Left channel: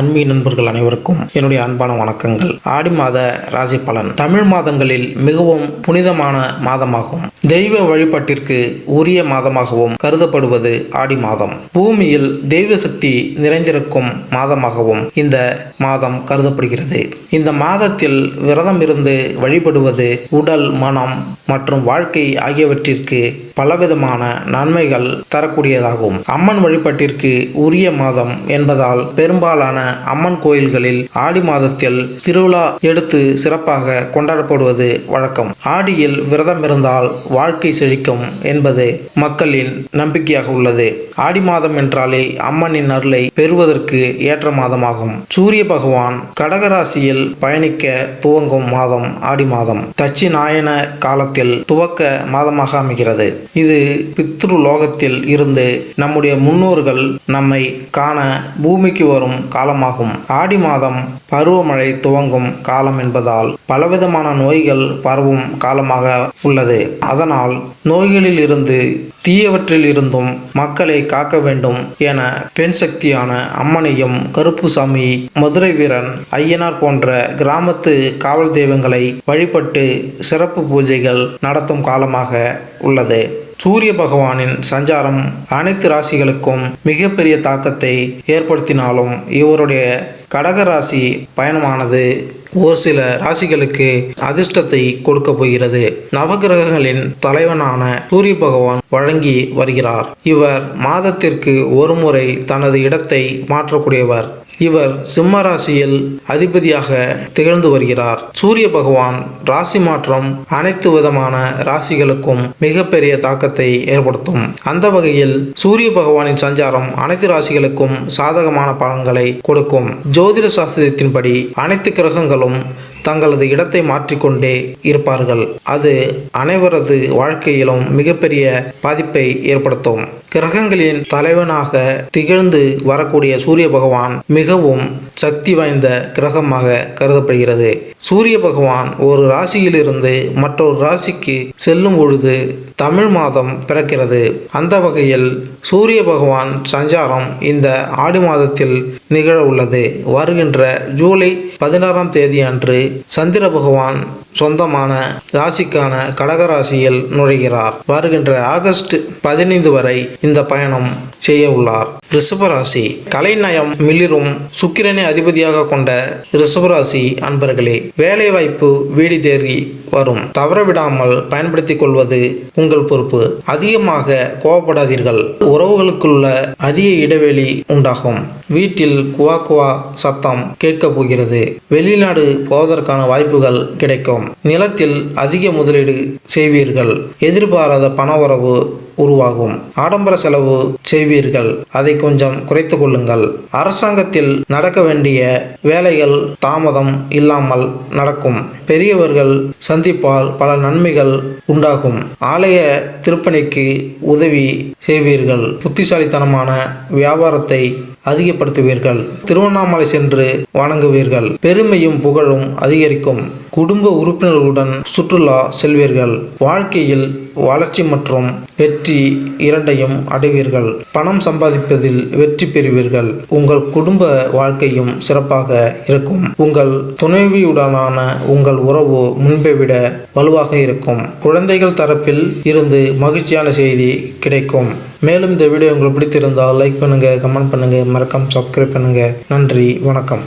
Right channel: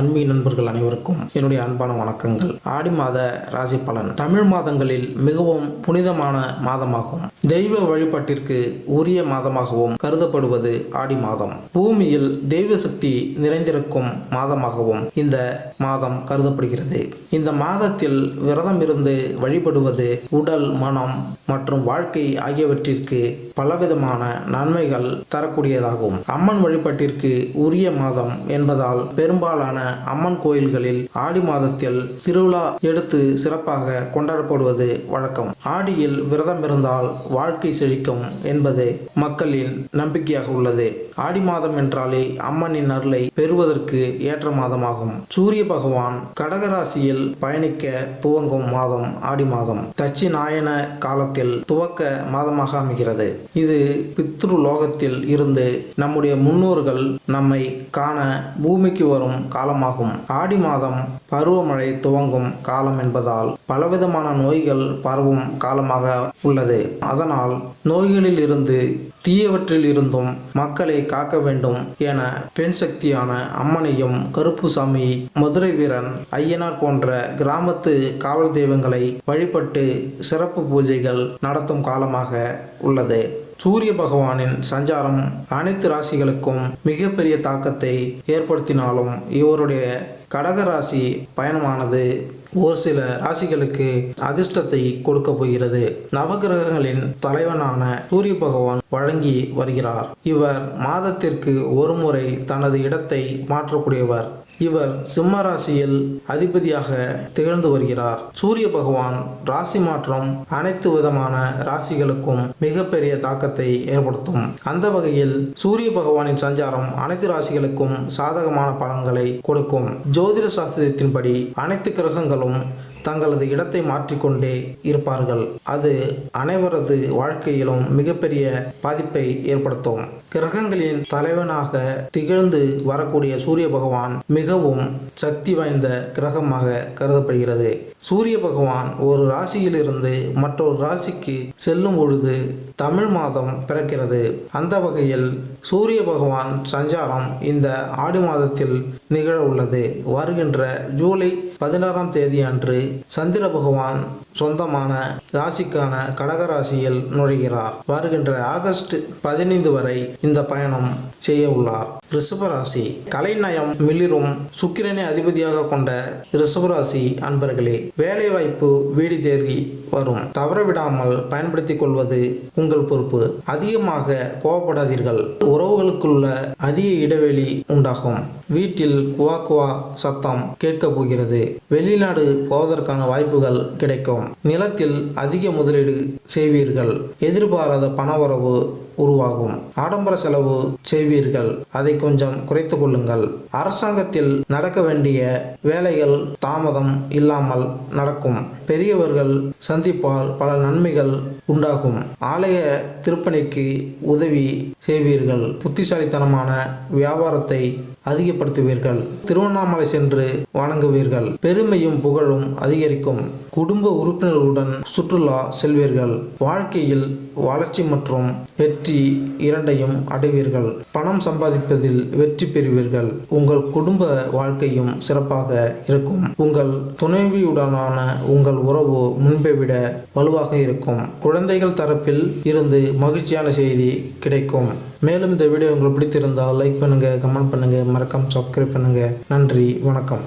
ஆன்மீக நண்பர்கள் அனைவருக்கும் என்னுடைய அன்பான வணக்கங்கள். ஆடி மாத ராசி பலன். தமிழ் மாதங்களில் மிகவும் புனிதமான மாதமாகும். தெய்வ வழிபாட்டிற்கு உரிய மாதமாகவும் கருதப்படுவது ஆடி மாதம். பூமியில் தெய்வ சக்தி நிறைந்திருக்கும் மாதமாகவும் இந்த மாதம் கருதப்படுகிறது. இந்த மாதத்தில் விரதம் இருந்து வழிபடுவது உடல், மனம் மற்றும் வாழ்க்கை ஆகியவற்றிற்கு பலவிதமான நன்மைகள் தரக்கூடியதாகும். அம்மன் வழிபாட்டிற்கு உரிய மாதம் என்பதால் பெரும்பாலான அம்மன் கோயில்களில் ஆடி மாதத்தில் திருவிழா எடுத்து சிறப்பாக கொண்டாடப்படுவது வழக்கம். ஆடியில் விரதம் இருந்தால் வாழ்க்கை செழிக்கும் என்பது மக்களின் நம்பிக்கையாக உள்ளது. ஆடி மாதம் என்றாலே அம்மனின் அருளை பெறுவதற்கு ஏற்ற மாதமாகும். சூரிய பகவான் கடகராசியில் பயணிக்க துவங்கும் மாதம் ஆடி மாதம். தட்சிணாயன காலத்தில் துவக்க மாதமாக அமைகிறது. இது பித்ரு லோகத்தில் இருந்து நம்முடைய முன்னோர்கள் நம்மை காண பூமிக்கு வரும் காலமாகும். ஆடி மாதம் பருவமழை துவங்கும் காலம் என்பதால் பலவிதமான நோய்கள் பரவும் காலமாக உள்ளது. அதனால் நோய்களில் இருந்து தீயவற்றில் இருந்தும் மக்களை காக்க வேண்டும் என பெண் சக்தியான அம்மனையும், கருப்புசாமி, மதுரை வீரன், ஐயனார் போன்ற கிராமத்து காவல் தெய்வங்களை வழிபட்டு சிறப்பு பூஜைகள் நடத்தும் காலமாக உள்ளது. சூரிய பகவானின் சஞ்சாரம் அனைத்து ராசிகளுக்கும் மிகப்பெரிய தாக்கத்தை ஏற்படுத்தினாலும் இவருடைய கடகராசி பயணமானது ஒரு சில ராசிகளுக்கு அதிர்ஷ்டத்தை கொடுக்க போகிறது. நவகிரகங்களின் தலைவனான சூரிய பகவான் வழங்கி வருகிறார். இவர் மாதத்திற்கு ஒரு முறை தனது இடத்தை மாற்றக்கூடியவர். இவர் சிம்ம ராசியில் அதிபதியாக திகழ்ந்து வருகிறார். சூரிய பகவான் ராசி மாற்றம் அனைத்து விதமான ராசிகளுக்கும் மிகப்பெரிய தாக்கத்தை ஏற்படுத்தும். அந்த வகையில் சூரிய பகவானின் சஞ்சாரம் அனைத்து ராசிகளுக்கும் சாதகமான பலன்களை கொடுக்கும். ஜோதிட சாஸ்திரத்தின்படி அனைத்து கிரகங்களும் தங்களது இடத்தை மாற்றிக்கொண்டே இருப்பார்கள். அது அனைவரது வாழ்க்கையிலும் மிகப்பெரிய பாதிப்பை ஏற்படுத்தும். கிரகங்களின் தலைவனாக திகழ்ந்து வரக்கூடிய சூரிய பகவான் மிகவும் சக்தி வாய்ந்த கிரகமாக கருதப்படுகிறது. சூரிய பகவான் ஒரு ராசியிலிருந்து மற்றொரு ராசிக்கு செல்லும் பொழுது தமிழ் மாதம் பிறக்கிறது. அந்த வகையில் சூரிய பகவான் சஞ்சாரம் இந்த ஆடி மாதத்தில் நிகழ உள்ளது. வருகின்ற ஜூலை 16ஆம் தேதி அன்று சந்திர பகவான் சொந்தமான ராசிக்கான கடகராசியில் நுழைகிறார். வருகின்ற ஆகஸ்ட் 15 வரை இந்த பயணம் செய்ய உள்ளார். ரிஷபராசி. கலைநயம் மிளிரும் சுக்கிரனை அதிபதியாக கொண்ட ரிஷபராசி அன்பர்களே, வேலை வாய்ப்பு வீடு தேடி வரும். தவறவிடாமல் பயன்படுத்திக் கொள்வது உங்கள் பொறுப்பு. அதிகமாக கோபப்படாதீர்கள். உறவுகளுக்குள்ள அதிக இடைவெளி உண்டாகும். வீட்டில் குவா குவா சத்தம் கேட்கப் போகிறது. வெளிநாடு போவதற்கான வாய்ப்புகள் கிடைக்கும். நிலத்தில் அதிக முதலீடு செய்வீர்கள். எதிர்பாராத பண வரவு உருவாகும். ஆடம்பர செலவு செய்வீர்கள். அதை கொஞ்சம் குறைத்து கொள்ளுங்கள். அரசாங்கத்தில் நடக்க வேண்டிய வேலைகள் தாமதம் இல்லாமல் நடக்கும். பெரியவர்கள் சந்திப்பால் பல நன்மைகள் உண்டாகும். ஆலய திருப்பணிக்கு உதவி செய்வீர்கள். புத்திசாலித்தனமான வியாபாரத்தை அதிகப்படுத்துவீர்கள். திருவண்ணாமலை சென்று வணங்குவீர்கள். பெருமையும் புகழும் அதிகரிக்கும். குடும்ப உறுப்பினர்களுடன் சுற்றுலா செல்வீர்கள். வாழ்க்கையில் வளர்ச்சி மற்றும் வெற்றி இரண்டையும் அடைவீர்கள். பணம் சம்பாதிப்பதில் வெற்றி பெறுவீர்கள். உங்கள் குடும்ப வாழ்க்கையும் சிறப்பாக இருக்கும். உங்கள் துணைவியுடனான உங்கள் உறவு முன்பை விட வலுவாக இருக்கும். குழந்தைகள் தரப்பில் இருந்து மகிழ்ச்சியான செய்தி கிடைக்கும். மேலும் இந்த வீடியோ உங்களுக்கு பிடித்திருந்தால் லைக் பண்ணுங்க, கமெண்ட் பண்ணுங்க, மறக்காம சப்ஸ்கிரைப் பண்ணுங்க. நன்றி, வணக்கம்.